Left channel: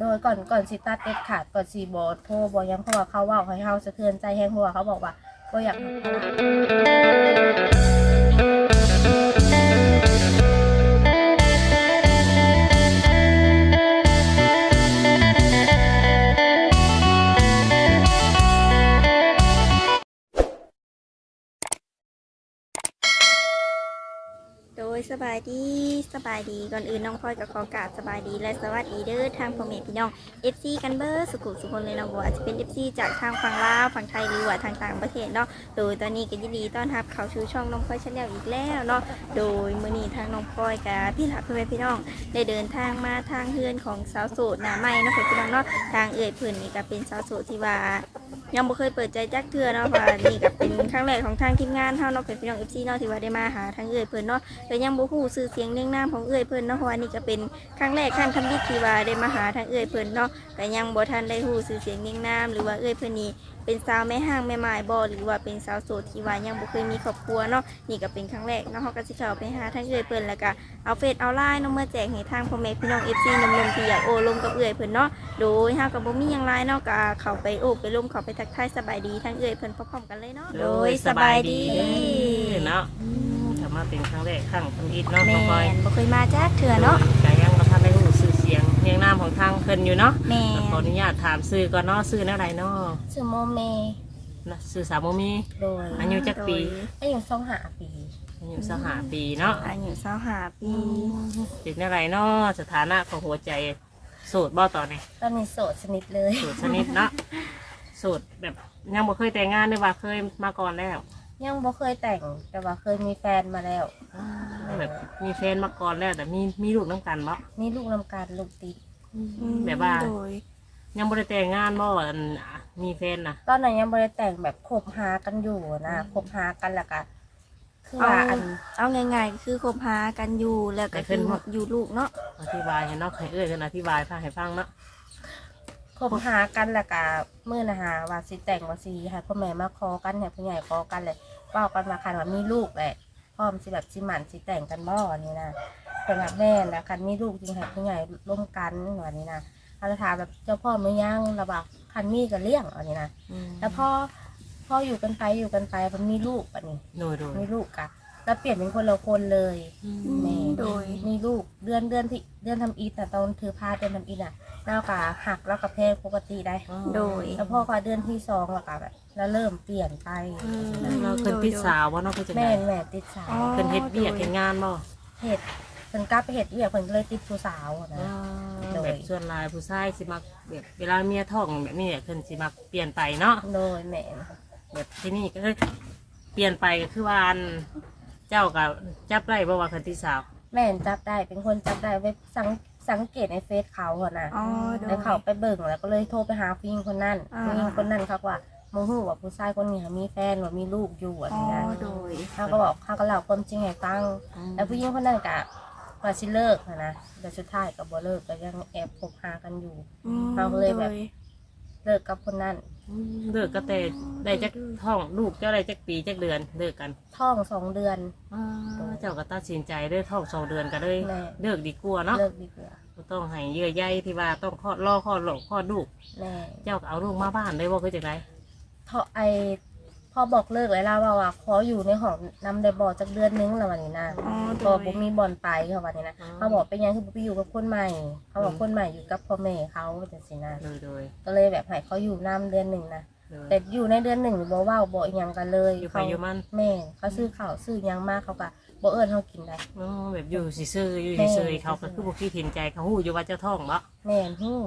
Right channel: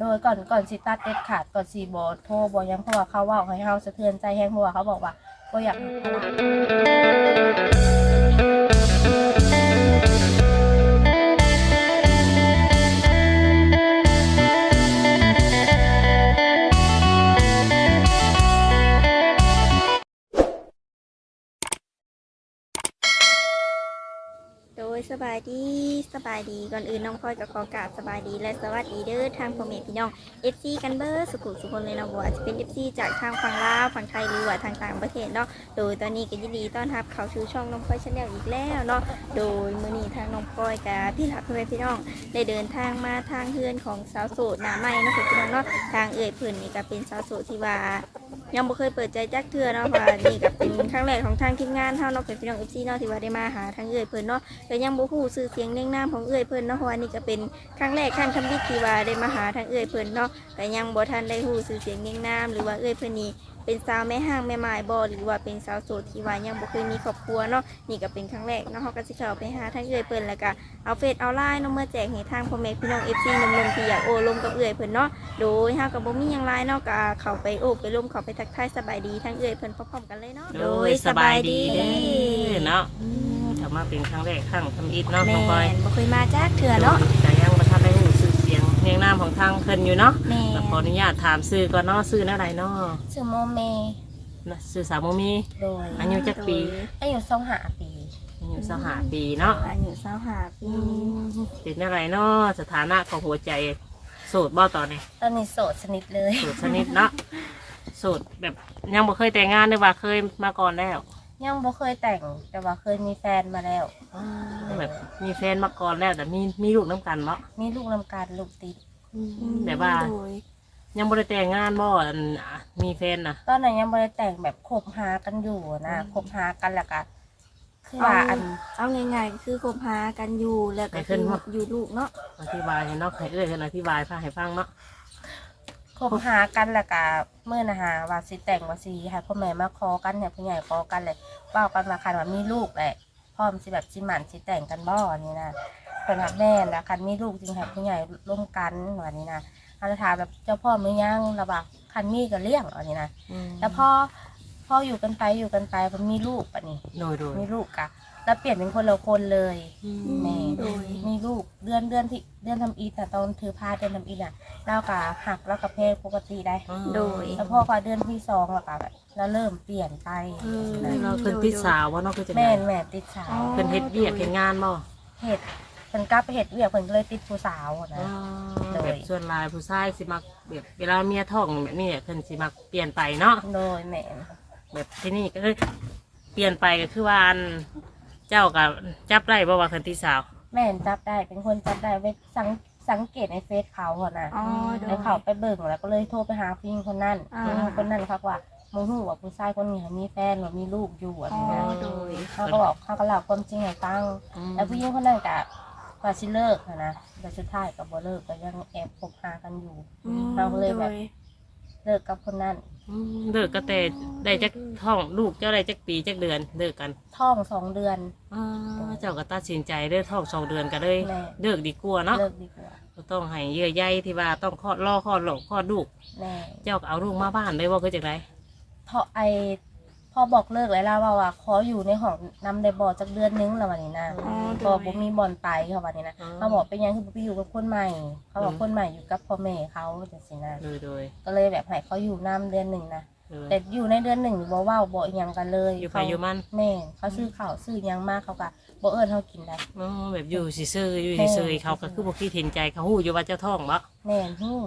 โดยก่อนก่อนสิตัดเด็ดขาดก่อนสีบ่โทรบ่หยังเพราะว่าเขาเว่าให้เฮาสะเทือนใจแห้งเพราะว่าเขาบอกว่าบ่อยาก สบายดีสบายดีก่อนอื่นน้องพลอยกับขอกราบสบายดีและสวัสดีเด้อทางพ่อแม่พี่น้อง FC กันเบอร์สุขุสุคนเลยเนาะบ่ว่าจะเป็น FC จากทางฝั่งลาวฝั่งไทยหรือว่าทางต่างประเทศเนาะโดยตอนนี้ก็ยินดีต้อนรับเข้าสู่ช่องน้องพลอยชาแนลอีกแล้วเนาะโดยมื้อนี้ทางน้องพลอยกับพี่หลักพ่อแม่พี่น้อง ได้เดินทางมาทางเฮือนของสาวโสดหน้าใหม่เนาะพี่น้องเนาะทางเอ่ยเพิ่นนี่ก็เป็นสาวโสดที่ว่ายังบ่เคยเปิดใจจักเทื่อเนาะเพราะว่านี่ก็เป็นครั้งแรกของทางทีมงานเฮาเนาะเป็นพี่น้อง FC เนาะที่ว่าได้มาหาทางเอ่ยเพิ่นเนาะก็ยังบ่ฮู้ชื่อเสียงเรียงนามของเอื้อยเพิ่นเนาะเพราะว่านี่ก็เป็นครั้งแรกครั้งคำนิดที่ว่าได้มาหาทางเอื้อยเพิ่นเนาะก็ยังบ่ทันได้ฮู้ชื่อเสียงเรียงนามหรือว่าเอื้อยเพิ่นนี่ เป็นสาวแม่ห้างแม่ไม้บ่หรือว่าเป็นสาวโสดที่ว่ายังบ่เคยมีครอบครัวเนาะนี่ก็เป็นครั้งแรกเนาะเฮาก็สิเข้าไปหาทางเอื้อยเพิ่นแล้วก็เอาเฟซเอาไลน์เนาะมาแจกให้ทางพ่อแม่พี่น้อง FC หนุ่มๆที่อยากโอ้ลมกับเอื้อยเพิ่นเนาะโดยเฮาก็บ่มีหยังหลายเนาะก็เข้าไปโอ้ไปลมเข้าไปทักทายสบายดีทางเอื้อยเพิ่นพร้อมๆกันเลยเนาะโดยสบายดีเนาะกลับมาเป็นครั้งแรกครั้งทำอิฐเนาะแม่พ่อปอยนบ่เคยมาจักเทื่อเนาะ เสียงเพลงนามของทางเพิ่นอยู่เนาะแม่ขออนุญาตถามซื้อก่อนเนาะซื้ออะไรเนาะชื่อโมเมนะซื้อสาวโมมี โดยอายุจักปี อายุ25ปีอายุสหาปีเนาะอายุสาวหาปีเป็นอะไรเนาะสถานะของหัวใจโสดบ่ตอนนี้ตอนนี้โสดชนิดเลยโสดชนิดเนาะโสดแบบยังบ่เคยแต่งงานเลยว่าเคยมาก่อนแล้ว ยังบ่เคยแต่งแต่ว่าเคยมีแฟนมาแล้ว แบบมีแฟนมาก่อนแล้วแต่มีมีลูกน้ำกันเนาะมีลูกนำการลูกติด แบบว่า โดย ยังบ่ได้แต่งงานบ่อันมีแฟนนะ ตอนนั้นยังบ่ได้แต่งแบบคบหากันอยู่นะคบหากันแล้วก็คือว่าอันเอาง่ายๆก็คือคบหากันอยู่แล้วก็คืออยู่ลูกเนาะอธิบายให้เนาะให้เอ้ยเพิ่นอธิบายฟังให้ฟังเนาะ คบหากันแล้วก็เมื่อนะฮะว่าสิแต่งว่าสิให้พ่อแม่มาขอกันให้ผู้ใหญ่ขอกันเลยเว้ากันมาคันว่ามีลูกแหละพร้อมสิแบบสิหมันสิแต่งกันบ่อันนี้นะเป็นแบบแม่นแล้วคันมีลูกจริงให้ผู้ใหญ่ร่วมกันวันนี้นะเขาจะถามแบบเจ้าพ่อมือยังระบาคันมีก็เลี้ยงอันนี้นะแล้วพอพออยู่กันไปอยู่กันไปมันมีลูกอันนี้โดยโดยมีลูกกะ แล้วเปลี่ยนเป็นคนละคนเลยแม่โดย มีลูกเดือนเดือนที่เดือนทำอีทแต่ตอนถือพาเดือนทำอีทอะแล้วก็หักแล้วก็เพศปกติได้ โดย แล้วพ่อก็เดือนที่สองแล้วก็แบบแล้วเริ่มเปลี่ยนไปเราเพิ่นติดสาวว่าเนาะคือจังได๋แม่นแม่ติดสาวเพิ่นเฮ็ดเวียกเฮ็ดงานบ่เห็ดเพิ่นกลับไปเห็ดเวียกเพิ่นก็เลยติดผู้สาวอะนะ โดย แบบส่วนหลายผู้ชายสิมักแบบเวลาเมียท้องแบบนี้เนี่ยเพิ่นสิมักเปลี่ยนไปเนาะ โดยแม่นแบบที่นี่ก็เลยเปลี่ยนไปก็คือว่าอัน เจ้าก็จับได้บ่ว่าเพิ่นติดสาว แม่นจับได้เป็นคนจับได้ไปสังสังเกตในเฟซเขาอะนะอ๋อโดย แล้วเขาไปเบิ่งแล้วก็เลยโทรไปหาผู้หญิงคนนั้นอ่า ผู้หญิงคนนั้นเขาว่าโมโหว่าผู้ชายคนนี้เขามีแฟนว่ามีลูกอยู่อะอ๋อนะโดย เขาก็บอกเขาก็เล่าความจริงให้ฟัง แล้วผู้หญิงคนนั้นก็ว่าสิเลิกอะนะแต่สุดท้ายก็บ่เลิกก็ยังแอบคบหากันอยู่อืมเราเลยแบบโดยเลิกกับคนนั้นอืม เลิกก็แต่ได้จักท้องลูกเจ้าได้จักปีจักเดือนเลิกกันท้องสองเดือนอ๋อเจ้าก็ตัดสินใจเลิกท้องสองเดือนก็เลยแม่เลิกดีกว่าเนาะเลิกดีกว่าบ่ต้องให้เยื่อใยที่ว่าต้องคลอดรอคลอดหลอกคลอดลูกแม่เจ้าก็เอาลูกมาบ้านได้ว่าคือจังไดทอไอพ อบอกเลิกเลยล่ะว่าว่าขออยู่ในห้องนำได้บ่จักเดือนนึงแล้ววันนี้นะอ๋อโดพอยบ่มีบ่อนไปเขาวันนี้นะเขาบอกเป็นหยังคือบ่ไปอยู่กับคนใหม่ เขาบอกคนใหม่อยู่กับพ่อแม่เขาจังซี่นะโดยโดยก็เลยแบบให้เขาอยู่นํเดือนหนึ่งนะโดยแต่อยู่ในเดือนหนึ่งบ่เว้าบ่อิหยังกันเลยอยู่ไปเขาอยู่มันแม่นเขาซื้อข้าวซื้อหยังมากเขาก็บ่เอิ้นเขากินได้ อ๋อแบบอยู่ซื่อๆอยู่แม่ซื่อๆเขาก็คือบ่คิดเห็นใจเขาฮู้อยู่ว่าเจ้าท้องบ่แม่นฮู้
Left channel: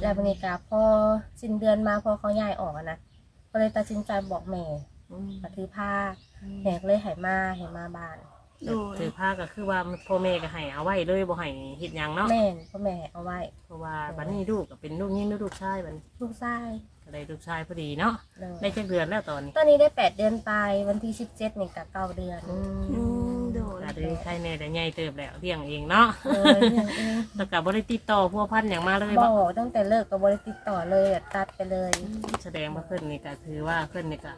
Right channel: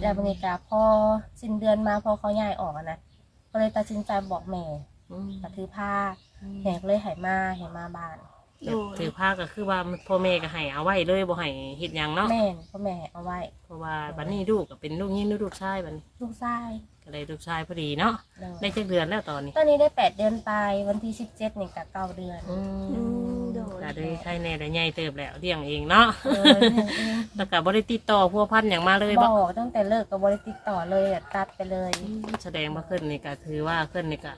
แล้วบรรยากาศพอสิ้นเดือนมาพอเขาย้ายออกอะนะก็เลยตัดสินใจบอกแม่ อืมมาถือผ้าแม่ก็เลยให้มาให้มาบ้านโดยถือผ้าก็คือว่าพ่อแม่ก็ให้เอาไว้เลยบ่ให้เฮ็ดหยังเนาะแม่นพ่อแม่ให้เอาไว้ เพราะว่าบัดนี้ลูกก็เป็นลูกยิงลูกชายบัดนี้ลูกชายก็เลยลูกชายพอดีเนาะเลยได้จักเดือนแล้วตอนนี้ตอนนี้ได้แปดเดือนไปวันที่สิบเจ็ดนี่ก็เก้าเดือนอือืมมโดยก็เลยใครแน่แต่ใหญ่เติบแล้วเลี้ยงเองเนาะเออเรื่องเองแล้วก็บ่ได้ติดต่อพวกพันอย่างมาเลยบบ่อกตั้งแต่เลิกกับบริติดต่อเลยอะตัดไปเลย แสดงว่าขึ้นนี่ก็คือว่าขึ้นนี่ก็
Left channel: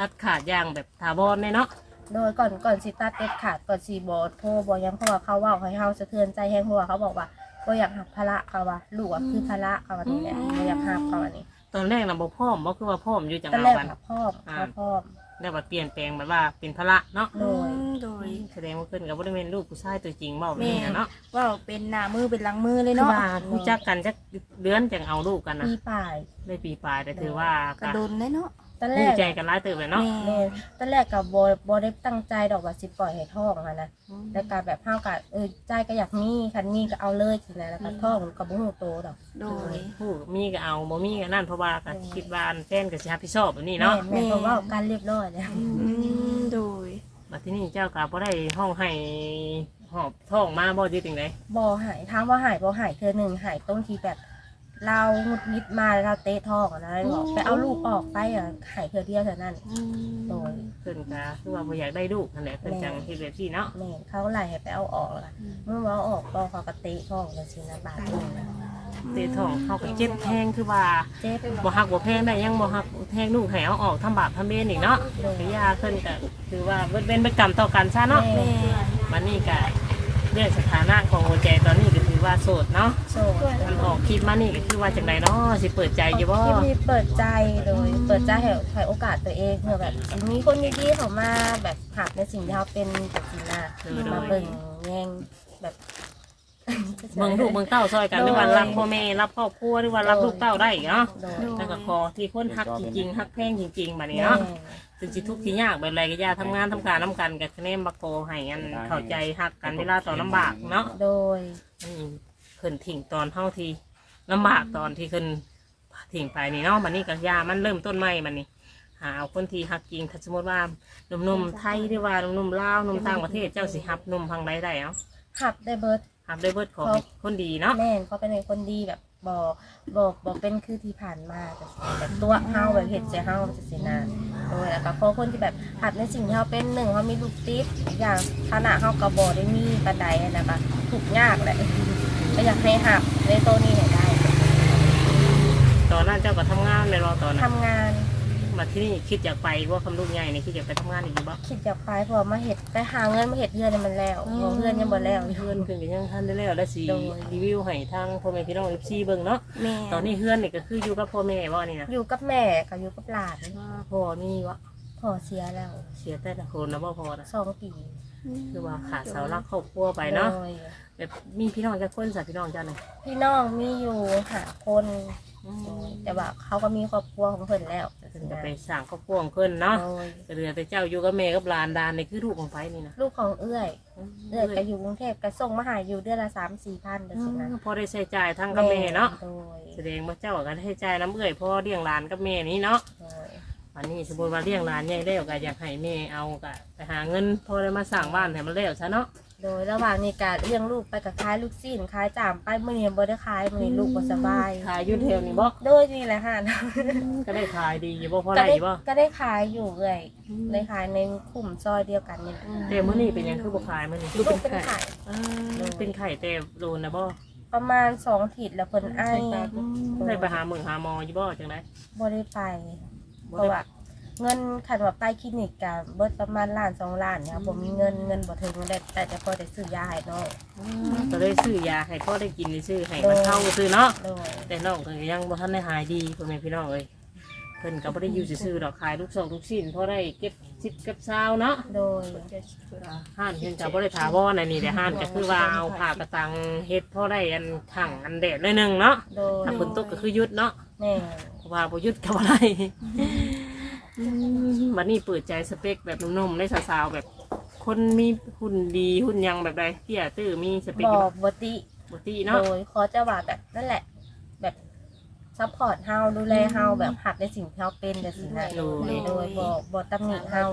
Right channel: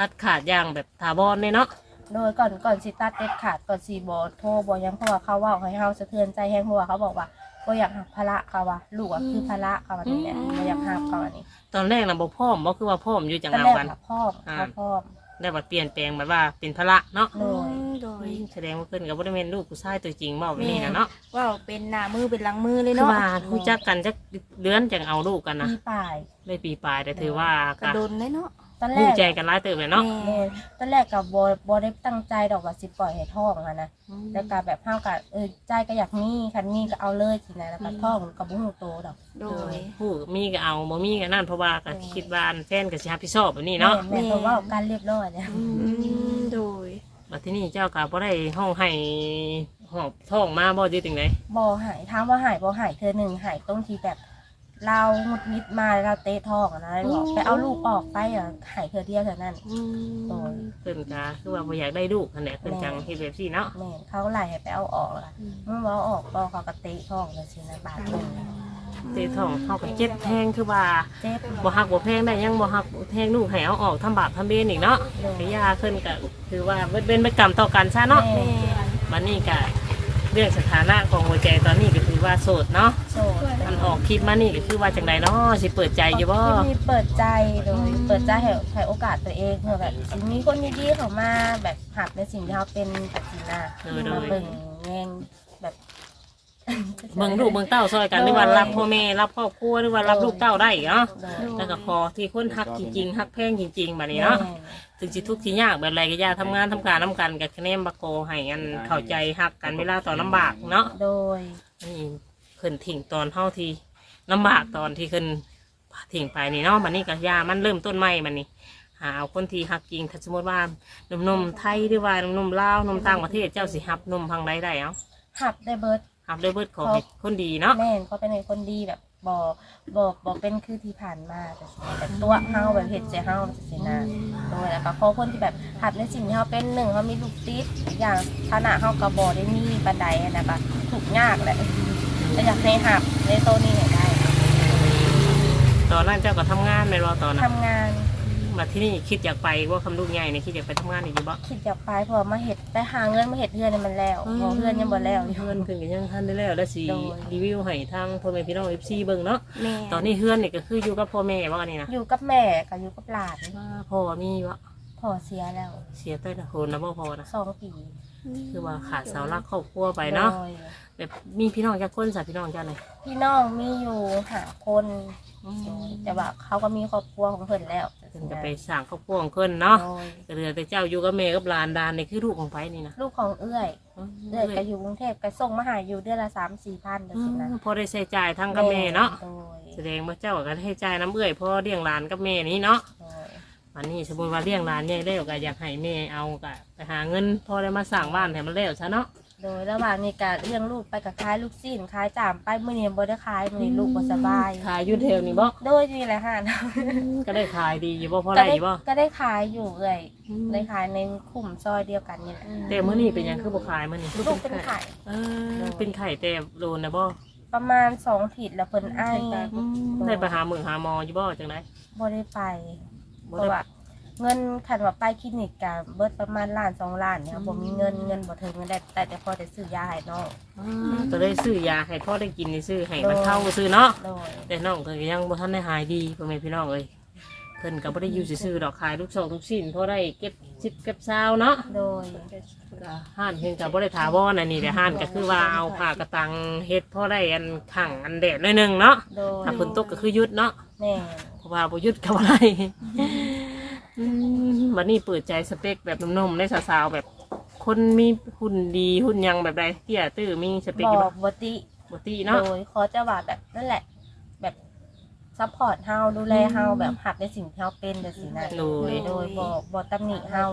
ตัดขาดอย่างแบบถาวรเลยเนาะโดยก่อนก่อนสิตัดเด็ดขาดก่อนสีบอโทรบอยังเพราะว่าเขาเว่าให้เฮาสะเทือนใจแฮงเพราะว่าเขาบอกว่าบ่บ่อยากหักภาระเขาว่าลูกอะคือภาระเขาว่านี่แหละบ่อยากหักเขาว่านี่ตอนแรกน่ะบ่พร้อมบ่คือว่าพร้อมอยู่จังตอนเอาแรกกัน อะพ่อมเขาพ่อมได้ว่าเปลี่ยนแปลงแบบว่าเป็นภาระเนาะโดยโดยแสดงว่าเพิ่นก็บ่ได้เป็นลูกผู้ชายตัวจริงเว้าแบบนี้นะเนาะว่าเป็นหน้ามือเป็นหลังมือเลยคือเนาะว่ารู้จักกันจักเดือนจังเอาลูกกันนะปีป่ายได้ปีปลายแต่ถือว่ากระโดนเลยเนาะ ตอนแรรู้กใจกันหลายเติบเลยเนาะแม่แม่ตอนแรกกับบบ่ได้ตั้งใจดอกว่าสิปล่อยให้ท้องอะนะแล้วก็แบบห้าวกับเออใจก็อยากมีคันมีก็เอาเลยสินะแล้วก็ท้องก็บ่ฮู้โตดอก โดย ผู้มีก็เอาบ่มีก็นั่นเพราะว่าก็อืมคิดว่าอันแฟนก็สิรับผิดชอบแบบนี้แม่เนาะแม่เพราะว่าการเรียบร้อยเนี่ยอืมโดย บัดที่นี่เจ้าก็บ่ได้ห้องให้หอบท้องมาบ่อยู่จังไดบ่หายถามว่าหายบ่หายเธอหนึ่งหายตรงที่แบบ เราหงุดหงิดมาเราเตะท้องอะนะบอกไปเอาลูกออกไปอะหายเธอเดียวเท่านั้นโดยเพิ่นก็คือว่าบ่อยากได้ลูกนั่นแหละเพิ่นจังเฮ็ดแบบนี้เนาะแม่นเขาไล่ให้ไปเอาออกแล้วเมื่อว่าเอาออกก็เขาก็เตะท้องจังซี่นะบาดลงนะเตะท้องเฮาก็เจ็บแทงคือว่าเจ็บบ่ฮักบ่แพงได้ยังบ่ฮักแพงลูกให้เอาออกทำบาปทำเบนอีกเนาะโดยก็ยาเพิ่นก็คือว่าเบิดเป็นไปกรรมต่อกันซะเนาะแม่แม่บัดนี้ก็เรื่องสถานะของหัวใจตอนนี้ก็คื อว่าโสดเนาะโสดมันออกคลิปมานี่ก็คือว่าจังไดเนาะสิเปิดใจอยู่บ่ที่มีเปิดใจโดย เปิดใจให้ให้โอกาสตัวเองเพื่อแบบมีคนดีๆเข้ามาแบบหับในสิ่งที่เขาเป็นแบบนี้นะเออโดมายเบิ่งแยงแบบ เบิ่งลูกเบิ่งเต้าซอยกันโดยหรือว่ารับพ่อแม่รับครอบครัวหรือว่ารับลูกเต้าได้เนาะโดย แล้วก็พอที่คนฮักจริงๆฮักแพงจริงๆบัดนี้แม่เนาะถึงสิทุกข์สิยากแบบไรก็อย่าทำงานทำการนํกันกับคะแนนบักโกให้กันเข้าใจฮักกันเวลาตอนลำบากเนาะโดย นี่เพิ่นทิ้งตอนเฮาที่ลำบากตอนที่ขึ้นทิ้งไปนี่เนาะมันนี่ก็ยามันเริ่มต้นใหม่มันนี่หาเอาคนที่ฮักจริงถ้าสมมติว่าหนุ่มๆไทยหรือว่าหนุ่มลาวหนุ่มต่างประเทศเจ้าสิฮับหนุ่มพังใดได้เอ้า หับได้เบิร์ด ฮับได้เบิดของครับคนดีเนาะแม่นเขาเป็นคนดีแบบบอบอบอเป็นคือที่ผ่านมาแต่สินะแบบตัวเฮาแบบเห็ดเสียเฮาจะสินะโดยแล้วก็พอคนที่แบบหัดในสิ่งที่เขาเป็นหนึ่งเขามีลูกติดอีกอย่างฐานะเขากระบอได้มีบันไดนะคะถูกยากแหละก็อยากให้หับในโตวนี้ให้ได้ ตอนนั้นเจ้าก็ทำงานเลยว่าตอนนั้นทำงาน มาที่นี่คิดอยากไปว่าคำลูกใหญ่นี่คิดอยากไปทำงานอีกอยู่บ่คิดอยากไปเพอมาเห็ดไปหาเงินมาเห็ดเพื่อนให้มันแล้วเพอเพื่อนยังบ่แล้วอยู่ เพื่อนเพิ่นก็ยังทันได้แล้วแล้วสิโดย รีวิวให้ทางพ่อแม่พี่น้อง FC เบิ่งเนาะแม่ตอนนี้เพื่อนนี่ก็คืออยู่กับพ่อแม่บ่นี่นะอยู่กับแม่กับอยู่กับหลานพ่อมีบ่พ่อเสียแล้วเสียแต่ละคนนะบ่พอนะสองปีคือว่าขาดเสาหลักครอบครัวไปเนาะโดยแบบมีพี่น้องจักคนสัพี่น้องเจ้าเนี่ยพี่น้องมีอยู่หาคน โดยแต่ว่าเขาก็มีครอบครัวของเพิ่นแล้วเพิ่นก็ไปสร้างครอบครัวของเพิ่นเนาะโดยก็เหลือแต่เจ้าอยู่กับแม่กับหลานดานนี่คือลูกของไผนี่นะลูกของเอื้อยเอื้อยก็อยู่กรุงเทพก็ส่งมาหาอยู่เดือนละสามสี่พันเดือนอืสินะมพอได้ใช้จ่ายทั้งกับแม่เนาะโดยแสดงว่าเจ้าก็ให้จ่ายน้ำเอื้อยพอเลี้ยงหลานกับแม่นี้เนาะโดยวันนี้สมมติว่าเลี้ยงหลานเนี่ยแล้วก็อยากให้แม่เอาก็ไปหาเงินพอได้มาสร้างบ้านให้มันแล้วซะเนาะ โดยระหว่างนี้การเลี้ยงลูกไปกับคล้ายลูกซีนคล้ายจามไปมื้อนี้บ่ได้คล้ายมื้อนี้ลูกบ่สบาย ขายอยูเทลนี่บ่โดยนี่แหละค่ะ ก็ได้ขายดีอยู่บ่พอก็ได้ได้บ่ก็ได้ขายอยู่เอื้อยได้ขายในกลุ่มซอยเดียวกันนี่แหละแต่มื้อนี้เป็นหยังคือบ่ขายมื้อนี้ลูกเป็นไข่เออเป็นไข่แต่โดนนะบ่ประมาณสองขีดแล้วเพิ่นไอได้ไปหาหมึงหาหมออยู่บ่จังไดบ่ได้ไปบ่เพราะได้ว่า เงินคันว่าไปคลินิกกะเบิดประมาณล้านสองล้านเนี่ยบ่มีเงินเงินบ่ถึงได้แต่จะพอได้ซื้อยาให้น้องก็เลยซื้อยาให้พ่อได้กินนี่ซื้อให้มันเข้าซื้อเนาะโดยแต่น้องก็ยังบ่ทันได้หายดีพ่อแม่พี่น้องเอ้ยเพิ่นก็บ่ได้อยู่ซื่อๆดอกขายลูกสองลูกชิ้นพอได้เก็บชิปเก็บซาวเนาะโดยห้านเพิ่นก็บ่ได้ถาวรอันนี้แต่ห้านก็คือว่าเอาผ้ากระตังเฮ็ดพอได้อันขังอันแดดหน่อยหนึงเนาะโดยถ้าฝนตกก็คือหยุดเนาะแม่เพราะว่าบ่หยุดก็บ่ได้อืม วันนี้เปิดใจสเปคแบบหนุ่มๆได้สาวๆแบบ คนมีหุ่นดีหุ่นยังแบบใดเตี้ยตื้อมีสเปคบอยู่อบ่กบ่ติ บ่ตีโดเนาะยขอจะว่าแบบนั่นแหละ แบบซัพพอร์ตเฮาดูแลเฮาแบบหักในสิ่งที่เฮาเป็นจังซี่นะโดย โดยบ่บ่ตำหนิเฮา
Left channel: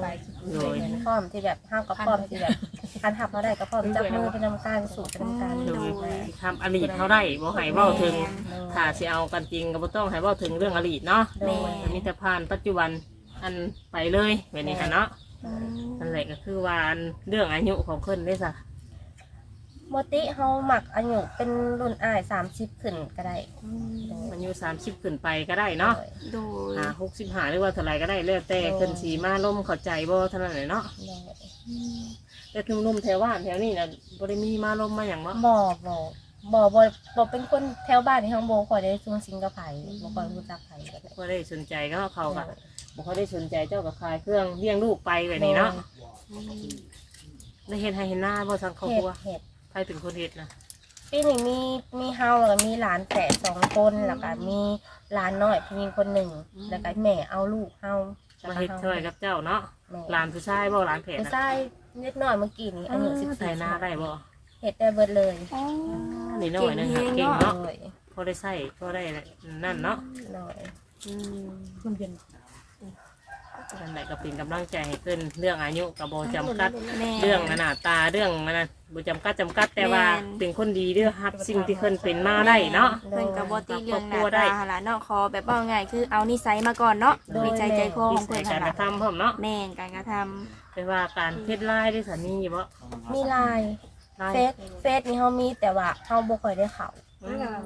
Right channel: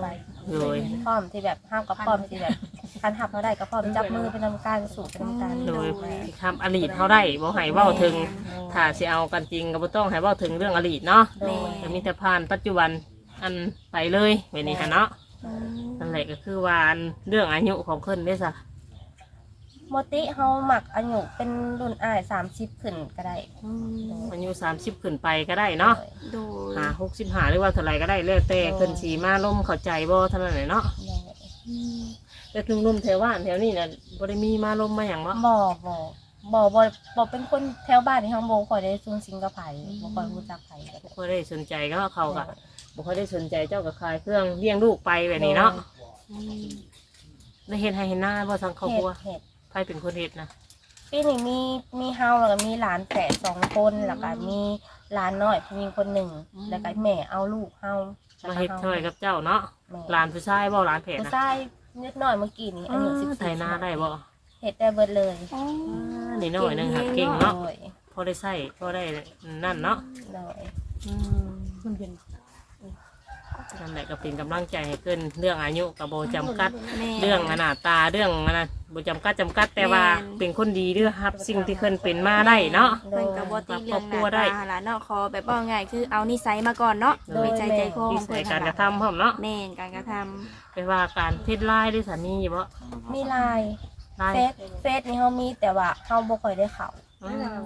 โดย พร้อมที่แบบเฮากับพร้อมที่แบบคันหับเฮาได้ก็พร้อมจับมือเป็นนำการสู่เป็นนำการโดโดยยทำอลีตเขาได้บ่ให้เว้าถึงโดยถ้าสิเอากันจริงก็บ่ต้องให้เว้าถึงเรื่องอลีตเนาะโดยแต่มีแต่ผ่านปัจจุบัน อันไปเลยแบบนี้ค่ะเนาะอืมนั่นแหละก็คือว่าอันเรื่องอายุของเพิ่นได้ซะโมติเฮาหมักอายุเป็นรุ่นอ้าย30ขึ้นก็ได้อายุ30ขึ้นไปก็ได้เนาะโดยหา65หรือว่าเท่าไหร่ก็ได้แล้วแต่เพิ่นสีมาล่มเข้าใจบ่เท่านั้นแหละเนาะโดยแต่ทุ่มๆแถวบ้านแถวนี้น่ะบ่ได้มีมาล่มมาหยังเนาะบ่บ่บ่บ่บ่เป็นคนแถวบ้านที่ห้องโบคอยได้ซุงซิงกับไผบ่คอยรู้จักไผกันเลยก็ได้สนใจก็เขาก็ บ่ค่อยได้สนใจเจ้าก็ขายเครื่องเลี้ยงลูกไปแบบนี้เนาะได้เห็นให้เห็นหน้าบ่ทางครอบเห็คดรัวเห็ดใครเป็นคนเฮ็ดนะปีนี้มีมีเฮาแล้วก็มีหลานแฝดสองคนแล้วก็มีหลานน้อยผู้หญิงคนหนึ่งแล้วก็แม่เอาลูกเฮามาเฮ็ดช่วยกับเจ้าเนาะแม่หลานผู้ชายบ่หลานแผดผู้นะชายนิดหน่อยเมื่อกี้นี้อายุสิบใส่สี่หน้าได้บ่เห็ดได้เบิดเลยอ๋อนี่น้อยหนึงครับเก่งโดเนาะยพอได้ใส่พอได้นั่นเนาะโดยมันเป็น นั่นแหละก็เป็นกำลังใจให้ขึ้นเรื่องอายุกับโบจำกัด แม่ เรื่องอนาตาเรื่องอนาโบจำกัดจำกัดแต่ว่าแม่น เป็นคนดีเด้อครับ สิ่งที่ขึ้นเป็นมาได้เนาะ เพิ่นกับบตีเรื่องหน้าครอบครัวได้ตาหล่ะเนาะขอแบบว่าง่ายคือเอานิสัยมาก่อนเนาะมีใจใจคอของใส่เพิ่นกาหั่รนกล่ะระทำพร้อมเนาะแม่นการกระทำไปว่าการเพศร้ายด้วยสานีบ่มีลายร้ายเฟซเฟซนี่เฮามีแต่ว่าเฮาบ่ค่อยได้เข้าอืม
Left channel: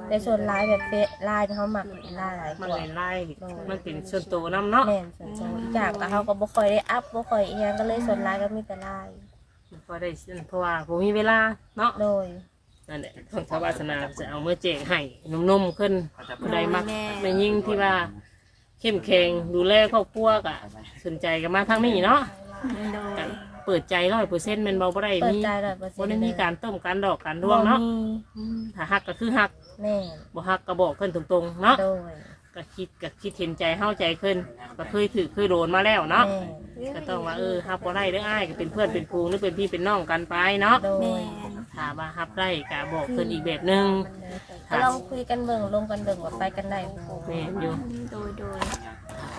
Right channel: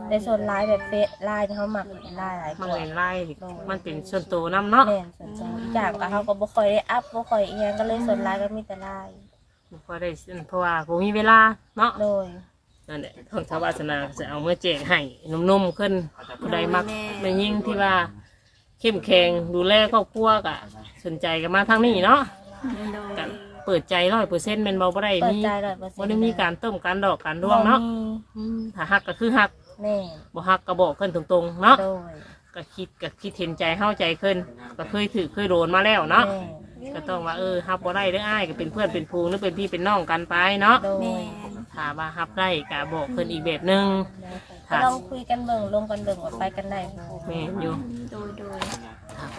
แต่ส่วนลายแบบเฟซลายนี่เฮามักลายหลายกมันว่า เป็นร้ายมันเป็นส่วนตัวน้ำเนาะแม่นส่วนตัวอีกอย่างก็เฮาก็บ่ค่อยได้อัพบ่ค่อยอีหยังก็เลยส่วนลายก็มีแต่ลายพอได้เพราะว่าผมมีเวลาเนาะโดย นั่นแหละทางชาวบ้านสนาจะเอาเมื่อแจกให้นุ่มๆขึ้นผู้ใดมักในยิ่งที่ว่าเข้มแข็งดูแลครอบครัวกะสนใจกันมาทางนี้เนาะโดย ก็ เปิดใจร้อยเปอร์เซ็นต์เป็นเบาบ่ได้เปิดมีใจ100%บ่ได้มีการต้มการดอกการร่วบ่งเนาะมีอืมถ้าหักก็คือหักแม่นบ่หักก็บอกเพิ่นตรงๆเนาะโดยก็คิดก็คิดเห็นใจเข้าใจขึ้นก็เคยถือเคยโดนมาแล้วเนาะ แม่นก็ต้องว่าเออฮับบ่ได้เด้ออ้ายก็เป็นเพื่อนเป็นพูงหรือเป็นพี่เป็นน้องกันไปเนาะโดแม่ยนถ้าว่าฮับได้ก็บอกเพิ่นอีกแบบหนึงก็ลองคุยกันเบิ่งลงกันเบิ่งว่าไปกันได้บ่แม่นอยู่โดยโดย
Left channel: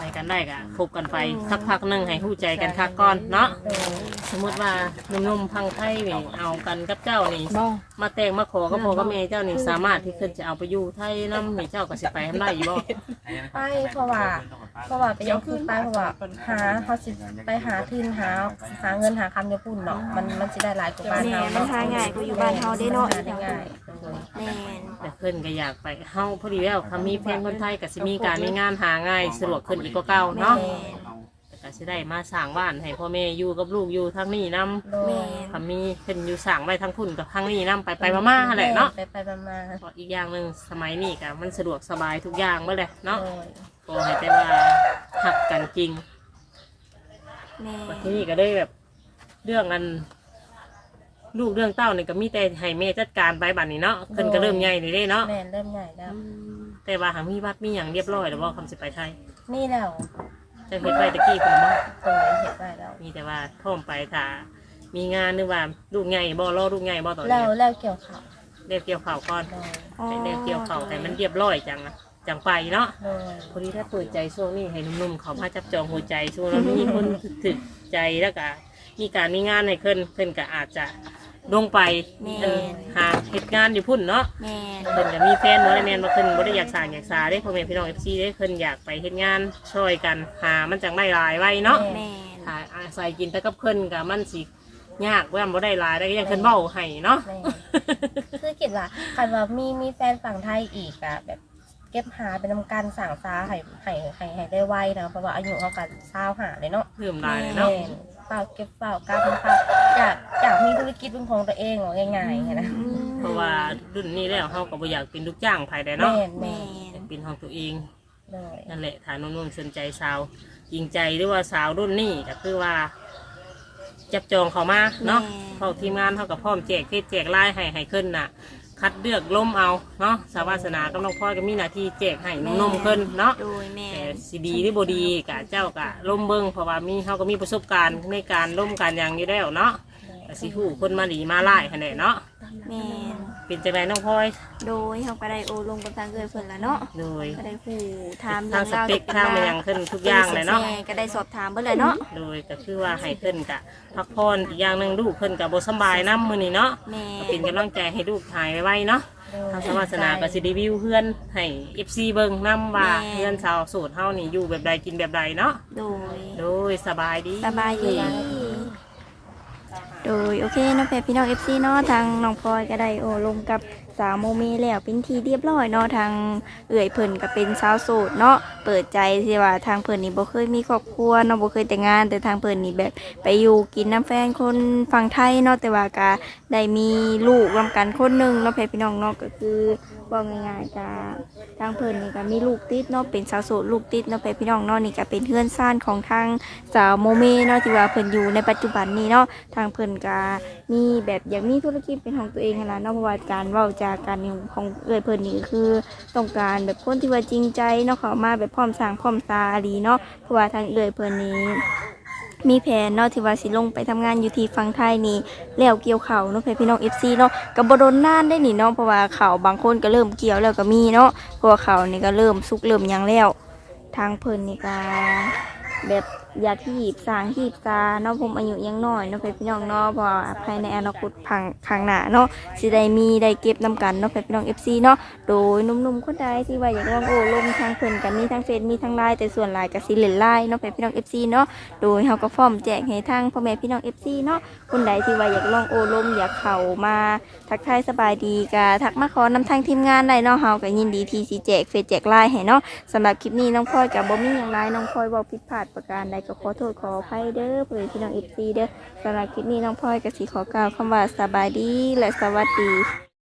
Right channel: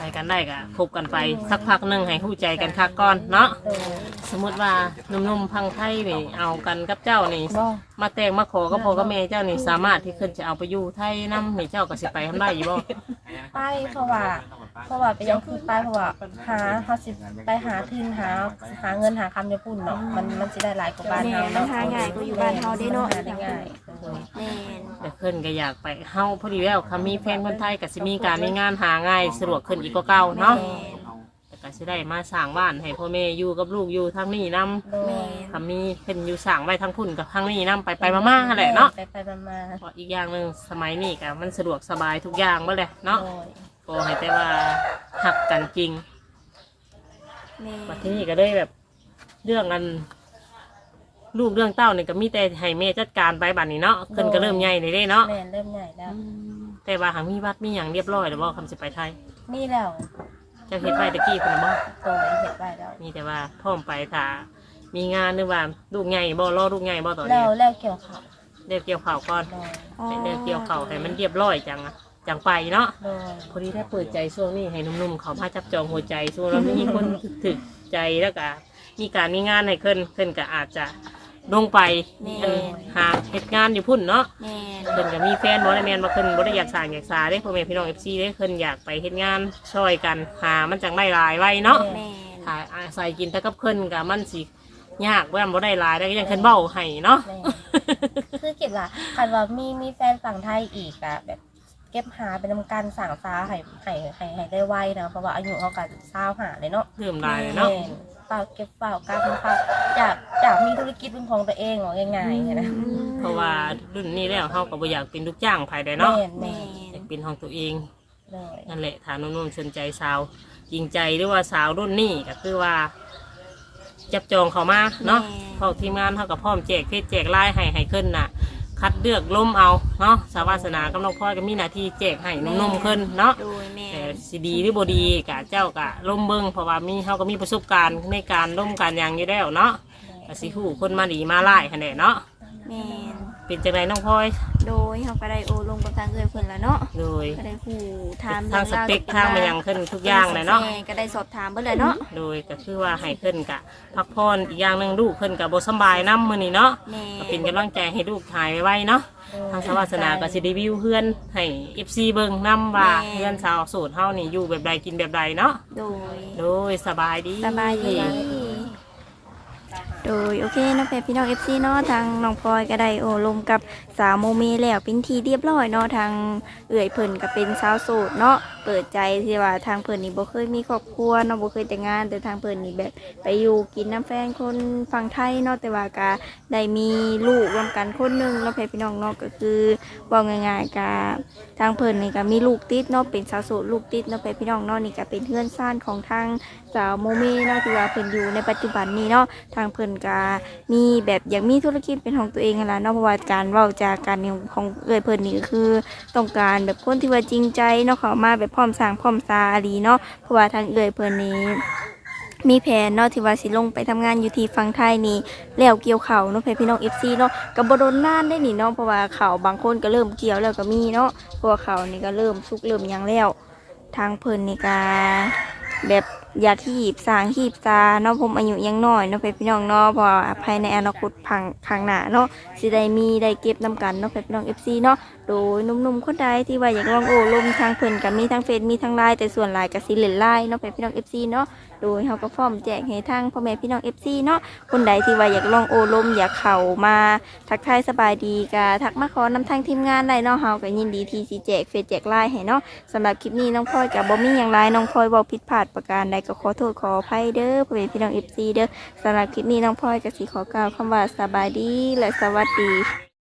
ไปกันได้ก็คบกันไปสักพักหนึงให้หู้ใจกันคักก่อนเนาะโดยสมมติว่าหนุ่มๆพังไทยนี่เอากันกับเจ้านี่บ่มาแต่งมาขอกับพ่อกับแม่เจ้านี่สามารถที่ขึ้นจะเอาไปอยู่ไทยนำนี่เจ้าก็สิไปทำได้อยู่บ่ไปเพราะว่าเพราะว่าไปยังคือไปเพราะว่าหาเฮาสิไปหาทุนหาหาเงินหาคำญี่ปุ่นเนาะมันมันสิได้หลายกว่าบ้านแม่เฮามันหาง่ายกว่าอยู่บ้านเฮาได้เนาะหได้ง่ายโดย แม่น แต่เพิ่นก็อยากไปเฮาพอดีแล้วค่ะมีแฟนคนไทยก็สิมีการมีงานหาง่ายสะดวกขึ้นอีกกว่าเก่าแม่เนาะนแต่ก็สิได้มาสร้างบ้านให้พ่อแม่อยู่กับลูกอยู่ทางนี้นํโดยแม่ถ้ามีเพิ่นอยู่สร้างไว้ทางคุณกับทางนี้นํไปไปๆมาๆนั่นแหละเนาะไปไปๆมาเพราะอีกอย่างหนึงสมัยนี้ก็มันสะดวกสบายทุกอย่างบ่เลยๆเนาะโดยก็ให้แต่ว่าหักกันจริง แม่มาที่นี่ก็ได้แบบ เรื่องอัน ลูกเรื่องเต้าเนี่ยก็มีแต่ให้แม่จัดการไปบัดนี้เนาะเพิ่นก็เริ่มใหญ่เลยเด้เนาะแม่นเริ่มใหญ่แล้ว แต่ว่าหามีวัดมีอย่างเรียบร้อยแล้วบ่คำสิไปไทยนี่แล้วเจะเฮ็ดไว้ตะกี้เพิ่นบ่โดยเฮ็ดไว้แล้ว มีแต่ว่าพร้อมไปถ้ามีงานหรือว่าลูกใหญ่บ่รอลูกใหญ่บ่ตอนแล้นี้วแล้วเกี่ยวข้าวเรียกเกี่ยวข้าวก่อนโดยให้เรียกเกี่ยวข้าวให้มันเรียบร้อยจังอะจังไปเนาะ โดยพอดีถ้าเปิดใจช่วงนี้ให้หนุ่มๆเขามาจับจองหัวใจช่วงนี้ มีคนถึกใจแล้วก็มีการมีงานให้เพิ่นเพิ่นก็อาจจะ ลงไปแม่เออหาเหตุงานอยู่พุ่นเนาะแม่นเพิ่นก็มีแฟนบ่ได้แม่นบ่เพิ่นบ่ได้อยากสร้างอยากสาเด้พ่อแม่พี่น้อง FC เด้เพิ่นอยากไปเฮ็ดงานช่วยกันหามันจังได้หลายไว้เนาะแม่นหาอาศัยกินแต่กับเพิ่นก็มันสิยากแว่นบ่ได้หลายได้ก็ยังเพิ่นเว้าให้เนาะ แม่คือคิดว่าคันว่ามีมีแฟนฝั่งไทยอีกอะแบบเก็บหาเป็นทำการสั่งซาให้ให้ให้ให้ได้ไวนะเพราะว่าอายุเขากันเศร้าหาเลยเนาะเพิ่มหลายแม่เนาะนเป ล่าเก็บเปล่ากล้าเปล่าอยากอยากมีธุรกิจเป็นของตัวเองว่าง่ายๆนะเพราะว่ารุ่นนี้แล้วเฮาก็บ่อยากเป็นลูกจ้างภายใดเนาะแม่นแม่แม่นอยากเป็นของตัวเองเลยนั่นแหละถามนุ่มๆสนใจสาวจริงใจหรือว่าสาวรุ่นนี้ก็คือว่า จับจองเขามาเนาะแม่เข้าทีมงานเท่ากับพร้อมแจกเทศแจกไล่ให้ให้ขึ้นน่ะ คัดเลือกล้มเอาเนาะสาวาสนากับน้องพ่อยก็มีหน้าที่แจกให้นุ่มๆขึ้นเนาะโดยแม่แต่นสิดีหรือบดีกะเจ้ากะล้มเบิ้งเพราะว่ามีเขาก็มีประสบการณ์ในการล้มการอย่างนี้แล้วเนาะ ก็สิหูคนมาดีมาไล่คะแนนเนาะแม่นเป็นจังไรน้องพ่อยโดยเขาก็ได้โอลงกับทางเอื้อยเพิ่นแล้วเนาะโดยก็ได้ฮู้ถามทาเรื่งองสราวเปคทางอะไรอย่างขึ้นทุกอย่างเลยเนาะ แม่ก็ได้สอบถามเบิ่เลยเนาะโดยก็คือว่าให้เพิ่นกะพักผ่อนอีกอย่างหนึ่งลูกเพิ่นกับบสำบายน้ำมือนี่เนาะแม่ก็เป็นกำลังใจให้ลูกหายไวๆเนาะทางสวัสนาก็สิรีวิวเพื่อนให้เอฟซีเบิ่งนํว่าเพื่อนสาวโสดเฮานี่อยู่แบบใดกินแบบใดเนาะโดยโดยสบายดี สบายดี โดยโอเคเน้องแพรพี่น้อง FC เนาะทางน้องพลอยก็ได้โอ้ลมกับสาวโมเมแล้วเป็นทีเรียบร้อยเนาะทางเอื่อยเพิ่นก็เป็นสาวโสดเนาะเปิดใจที่ว่าทางเพิ่นนี่บ่เคยมีครอบครัวเนาะบ่เคยแต่งงาน แต่ทางเพิ่นนี่แบบไปอยู่กินน้ำแฟนคนฝั่งไทยเนาะแต่ว่าก็ได้มีลูกรวมกันคนหนึงเนาะพี่น้องเนาะก็คือว่าง่ายๆก็ทางเพิ่นนี่ก็มีลูกติดเนาะเป็นสาวโสดลูกติดเนาะพี่น้องเนาะนี่ก็เป็นเพื่อนซ่านของทางสาวโมเมเนาะที่ว่าเพิ่นอยู่ในปัจจุบันนี้เนาะทางเพิ่นก็มีแบบอยากมีธุรกิจเป็นของตัวเองนั่นล่ะเนาะเพราะว่าการเว้าจากการของเอ่ยเพิ่นนี่ก็คือต้องการแบบคนที่ว่าจริงใจเนาะเขามาแบบพร้อมสร้างพร้อมซาอหลีเนาะเพราะว่าทางเอ่ยเพิ่นนี้มีแผนเนาะที่ว่าสิลงไปทำงานอยู่ที่ฝั่งไทยนี่แล้วเกี่ยวเขาเนาะเพื่อนพี่น้อง FC เนาะกับ่โดนน่านได้นี่เนาะเพราะว่าเขาบางคนก็เริ่มเกี่ยวแล้วก็มีเนาะเพราะว่าเขานี่ก็เริ่มสุกเริ่มยังแล้ว ทางเพิ่นนี่ก็แบบ อยากหีบสางหีบซาเนาะผมอายุยังน้อยเนาะเพื่อนพี่น้องเนาะพราะว่าภายในอนาคตพังข้างหน้าเนาะสิได้มีได้เก็บนำกันเนาะเพื่อนพี่น้อง FC เนาะโดยหนุ่มๆคนใดที่ว่าอยากลองโอ้ลมทางเพิ่นก็มีทั้งเฟซมีทั้งไลน์แต่ส่วนไลน์ก็สิเล่นไลน์เนาะเพื่อนพี่น้อง FC เนาะโดยเฮาก็พร้อมแจกให้ทางพ่อแม่พี่น้อง FC เนาะคนใดที่ว่าอยากลองโอ้ลมอยากเข้ามาทักทายสบายดีก็ทักมาขอนำทางทีมงานได้เนาะเฮาก็ยินดีที่สิแจกเฟซแจกไลน์ให้เนาะสำหรับคลิปนี้น้องพลอยกับบ่มีอย่างไรน้องพลอยบอกผิดพลาดประการใดก็ขอโทษขออภัยเด้อพ่อแม่พี่น้องเอฟซีเด้อสำหรับคลิปนี้น้องพลอยก็สิขอกล่าวคำว่าสบายดีและสวัสดี